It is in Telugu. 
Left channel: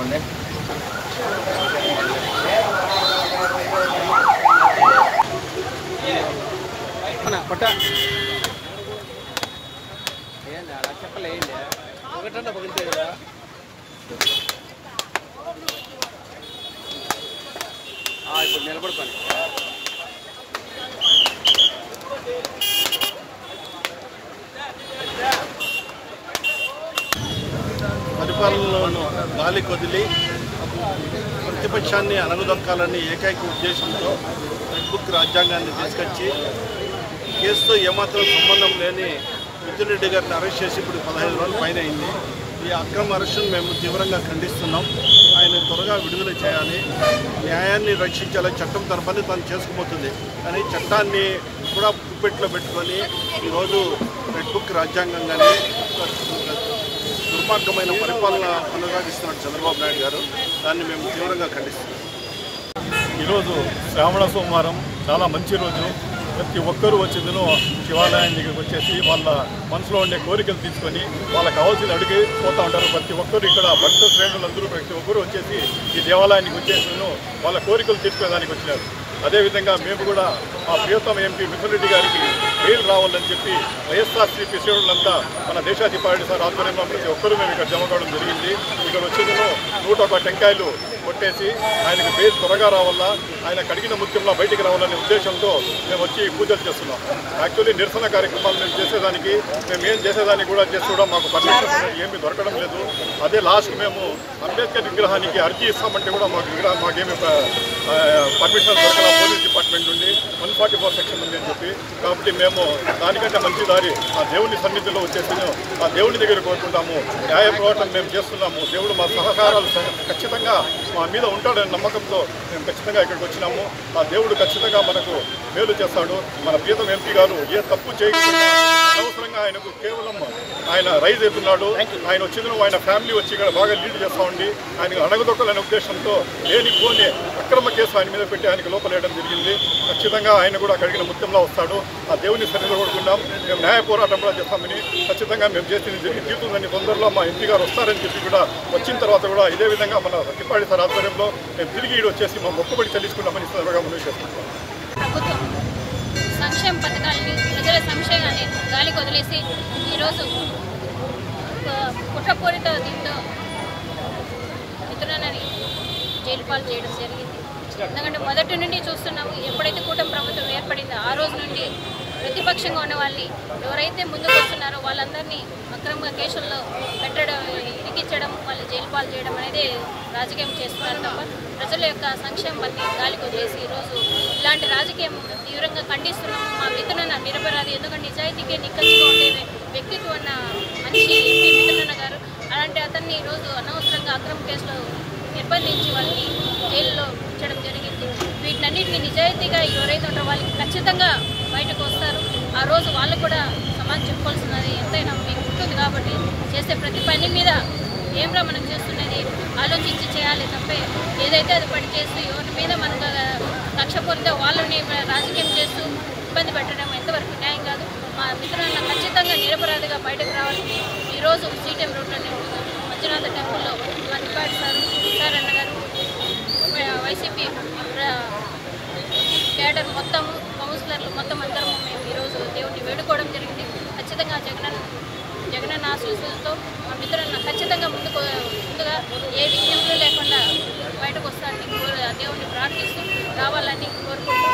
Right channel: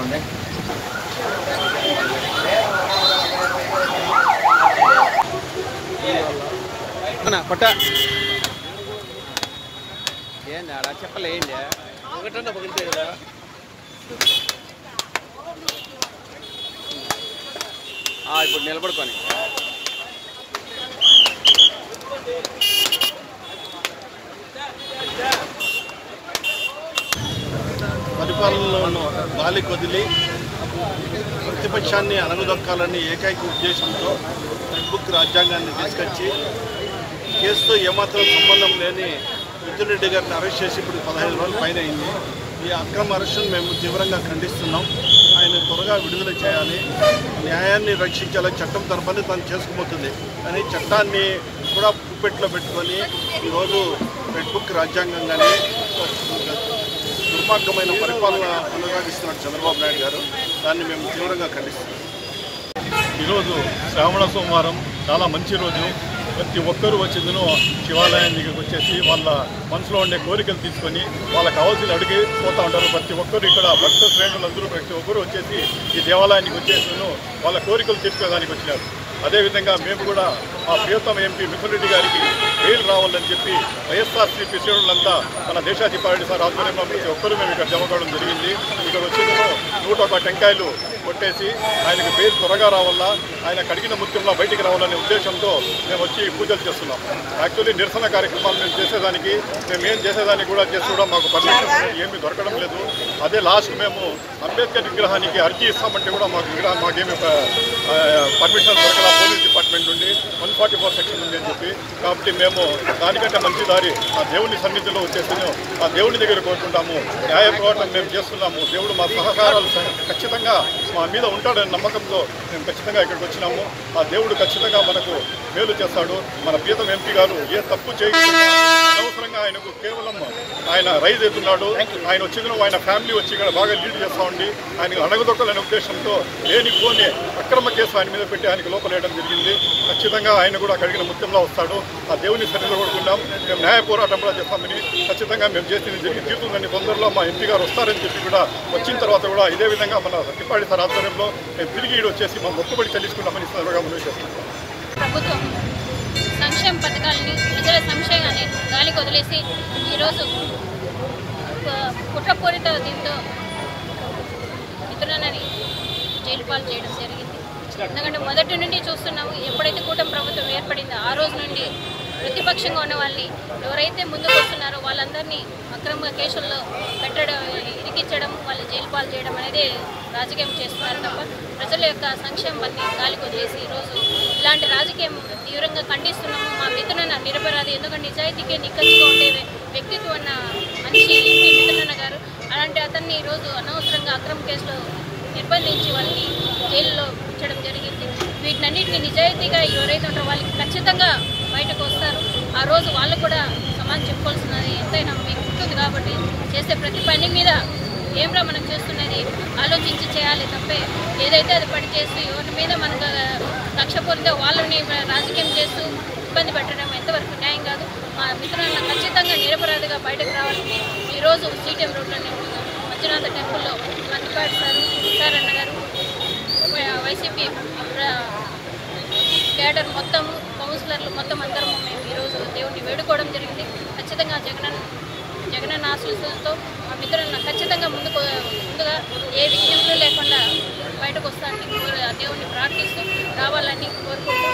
చేసుకోండి. ఏంది అలా చెప్పలేండి, ఒకటంటే పగిలితే కదా. ఇప్పుడు నిలబడుకొని పరిపాలనలో గాలి కొదిలి ప్రతిపక్షాన్ని అణగదొక్కాలని ఏకైక ఉద్దేశంతో రెడ్ బుక్ రాజ్యాంగాన్ని తీసుకొచ్చి కేసుతో ఏమాత్రం సంబంధం లేని మిథున్ రెడ్డి గారిని అరెస్ట్ చేసి ఇప్పుడు 15 రోజుల పైన అయింది. ఈ అక్రమ అరెస్టును మేము తీవ్రంగా ఖండిస్తున్నాం. ఆయన త్వరగా విడుదల చేయాలి, న్యాయాన్ని రక్షించాలని చట్టం తన పని తను చేసుకుపోతుంది. కానీ చట్టాన్ని కూడా గుప్పెట్లో పెట్టుకొని ఈరోజు రెడ్ బుక్ రాజ్యాంగంగానే దుర్మార్గమైన పరిపాలన కొనసాగిస్తున్నారు చంద్రబాబు నాయుడు గారు. దాన్ని మేము తీవ్రంగా ఖండిస్తున్నాం. ఈరోజు శ్రావణ సోమవారం చాలా మంచి రోజు. ప్రతి ఒక్కరూ వచ్చేదను శివాలయం దగ్గరికి వచ్చేసి వాళ్ళ మనసులో ఉండే కోరికలు తీసుకొని వాళ్ళకి కావాల్సిన అడిగి పోతూ ఉంటారు. ప్రతి ఒక్కరు ఇక్కడ భక్త శ్రేణులందరూ ప్రతి ఒక్కరూ వచ్చేసి ఈ దేవాలయానికి వచ్చేసను వాళ్ళ కోరికలు తీర్చుకోవడానికి వచ్చినారు. అదేవిధంగా మేము కూడా మా ప్రియతమ ఎంపీ మిథున్ రెడ్డి గారికి బెయిల్ రావాలని చెప్పి వైఎస్ఆర్సీపీ శ్రేణులంతా మన దేశాధిపతి పార్టీ సార్ ఆధ్వర్యంలో ప్రతి ఒక్కరూ మేము ఇక్కడ జమ కావడం జరిగింది. ఇక్కడ వచ్చేదను 101 టెంకాయలు కొట్టేసి ఆయనకు బెయిల్ త్వరగా రావాలా, ఆయన కడిగిన ముత్యంలో బయటికి రావాలనే ఉద్దేశంతో మేము వచ్చి పూజలు చేస్తున్నాం. యాక్చువల్లీ నిరసన కార్యక్రమాలు మేము చేసేదానికి ఏం చేసేదానికి కూడా చేస్తూ మాకు పర్మిషన్ ఏమీ దొరకడం లేదు. అదే లాస్ట్ మేము అంబేద్కర్ విగ్రహానికి అర్జీ ఇస్తామంటే కూడా మాకేమీ పర్మిషన్ దొరకల పోలీస్ డిపార్ట్మెంట్ నుండి 144 సెక్షన్ ఉంది అని చెప్పి. కాబట్టి మేము దానికంటే మంచి దారి ఆ దేవుని సన్నిధిలో వచ్చేసి ఆ దేవుని దగ్గర కోరుకుంటాము. న్యాయ పోరాటం మేము చేస్తున్నాము. దేవుడు మా సహకారాలు ఖచ్చితంగా మా మీద ఉంటాడనే నమ్మకంతో మేము ఖచ్చితంగా ఇక్కడికి వచ్చినాము. ఆ దేవుడు ఖచ్చితంగా మనకు మేలు చేస్తాడు. మన ప్రియతమ ఎంపీ గారు ఏ తప్పు చేయకుండా అనవసరంగా ఆయనకు కేవలం ఆయన రైజ్ అవుతున్నాడు. ఆయన వచ్చిన ఆయన ఫ్యామిలీ వచ్చి ఇక్కడ బాగా లీడ్ చేస్తూ ఉండి ఆయనకు అణగదొక్కాలనే ఉద్దేశంతో లేనిపోని అక్రమ కేసు ఆయన మీద పెట్టి ఆయనకు లోపలేయడం జరిగింది. ఖచ్చితంగా ఆయన కూడా కడిగిన ముత్యంలో వస్తాడు. ఆ దేవుని సన్నిధిలో కొడుకుంటాం. మేము న్యాయ పోరాటం కూడా చేస్తామని ఖచ్చితంగా మేము చేసింది జరిగి తీరుతుందని తొందరలో మా ఎంపీ గారు వస్తారని చెప్పి కూడా వచ్చిన తర్వాత కూడా ఇదే విధంగా మన తిప్పాడి సార్ ఆధ్వర్యంలో మేము తిరిగి వచ్చేసి మా మొక్కుబడి చెల్లించుకున్నామని త్వరగా ముందుకు చేస్తున్నాం. ప్రభుత్వం సంక్షేమ పథకాలని ప్రజల సంక్షేమాన్ని గాలికి వదిలేసి ఈరోజు కుట్రపూరిత దీంతో మిత్రులని జైలు పాలు చేయడం జరిగింది. ఎందుకంటే మొదటి నుండి చూస్తున్నాము, ఎప్పుడైతే కూటమి ప్రభుత్వం ఏర్పడిందో ఆ రోజు నుండి ప్రతిపక్షంగా ఉన్న వాళ్ళని ఎవరైతే ముందుకు వస్తున్నారో వాళ్ళందరినీ అక్రమ కేసుల్లో పెట్టడం, ఇరికించడం, వాళ్ళు జైలు పాలు చేయడం అనేది రాజకీయం చేస్తున్నారు తప్ప ప్రజల యొక్క సంక్షేమాన్ని గాలికి వదిలేసి ఈరోజు ఇలాంటి రాజకీయం తీవ్రంగా ఖండిస్తున్నాము. మా మిత్రున నిరపరాధి, ఎందుకంటే నిజాయితీకే నిక్కచ్చిగా ఉండే వ్యక్తిత్వం ఉన్న మనిషి ఎంపీ మిత్రున గారు. అలాంటి అతన్ని ఈరోజు అనవసరంగా అక్రమ కేసులో నిర్బంధించి వాళ్ళని జైల్లో ఉంచడం జరిగింది. వీటినన్నిటికీ నిజాయితీగా ఎవరైతే ఉంటారో వాళ్ళకి ఖచ్చితంగా బయటకు వస్తారు. ఆ రోజు వాళ్ళు కూడా సమాజం చెప్పుకోవాల్సినది ఎంతైనా మీకు ఉంటుంది. కాబట్టి చేసే ప్రతి పని మీద ఏమిరా మనం చేస్తున్నది ఆలోచించి చేయాలి తప్పే ఏదైతే అది పడి చేస్తూ ఎవరి మీద మనకు లక్ష్య పొందితే వాళ్ళని రాజకీయం చేస్తూ ఇబ్బంది పెట్టడం ఎంతవరకు న్యాయం కాదు. మా మిత్రులను ఖచ్చితంగా నిరపరాధిగా బయటకు రావాలని ఈరోజు సీటీఎం రోడ్లోనే ఉంటున్నాం. మంజునాథ టెంపుల్లో మంచిపాటి సార్ అన్న గారు, వైసీపీ కేడర్ మొత్తం, కౌన్సిలర్లు మొత్తం అందరము మేము ఈరోజు దేవుడిని వేడుకోవడం జరిగింది. ఖచ్చితంగా జగనన్న ఆశీస్సులతో మా మిత్రులను ఖచ్చితంగా ముందుగా ఏ విఘ్నములు లేకుండా బయటకు వస్తానని దేవుడిని ప్రార్థిస్తూ రావాలని కోరుకుంటూ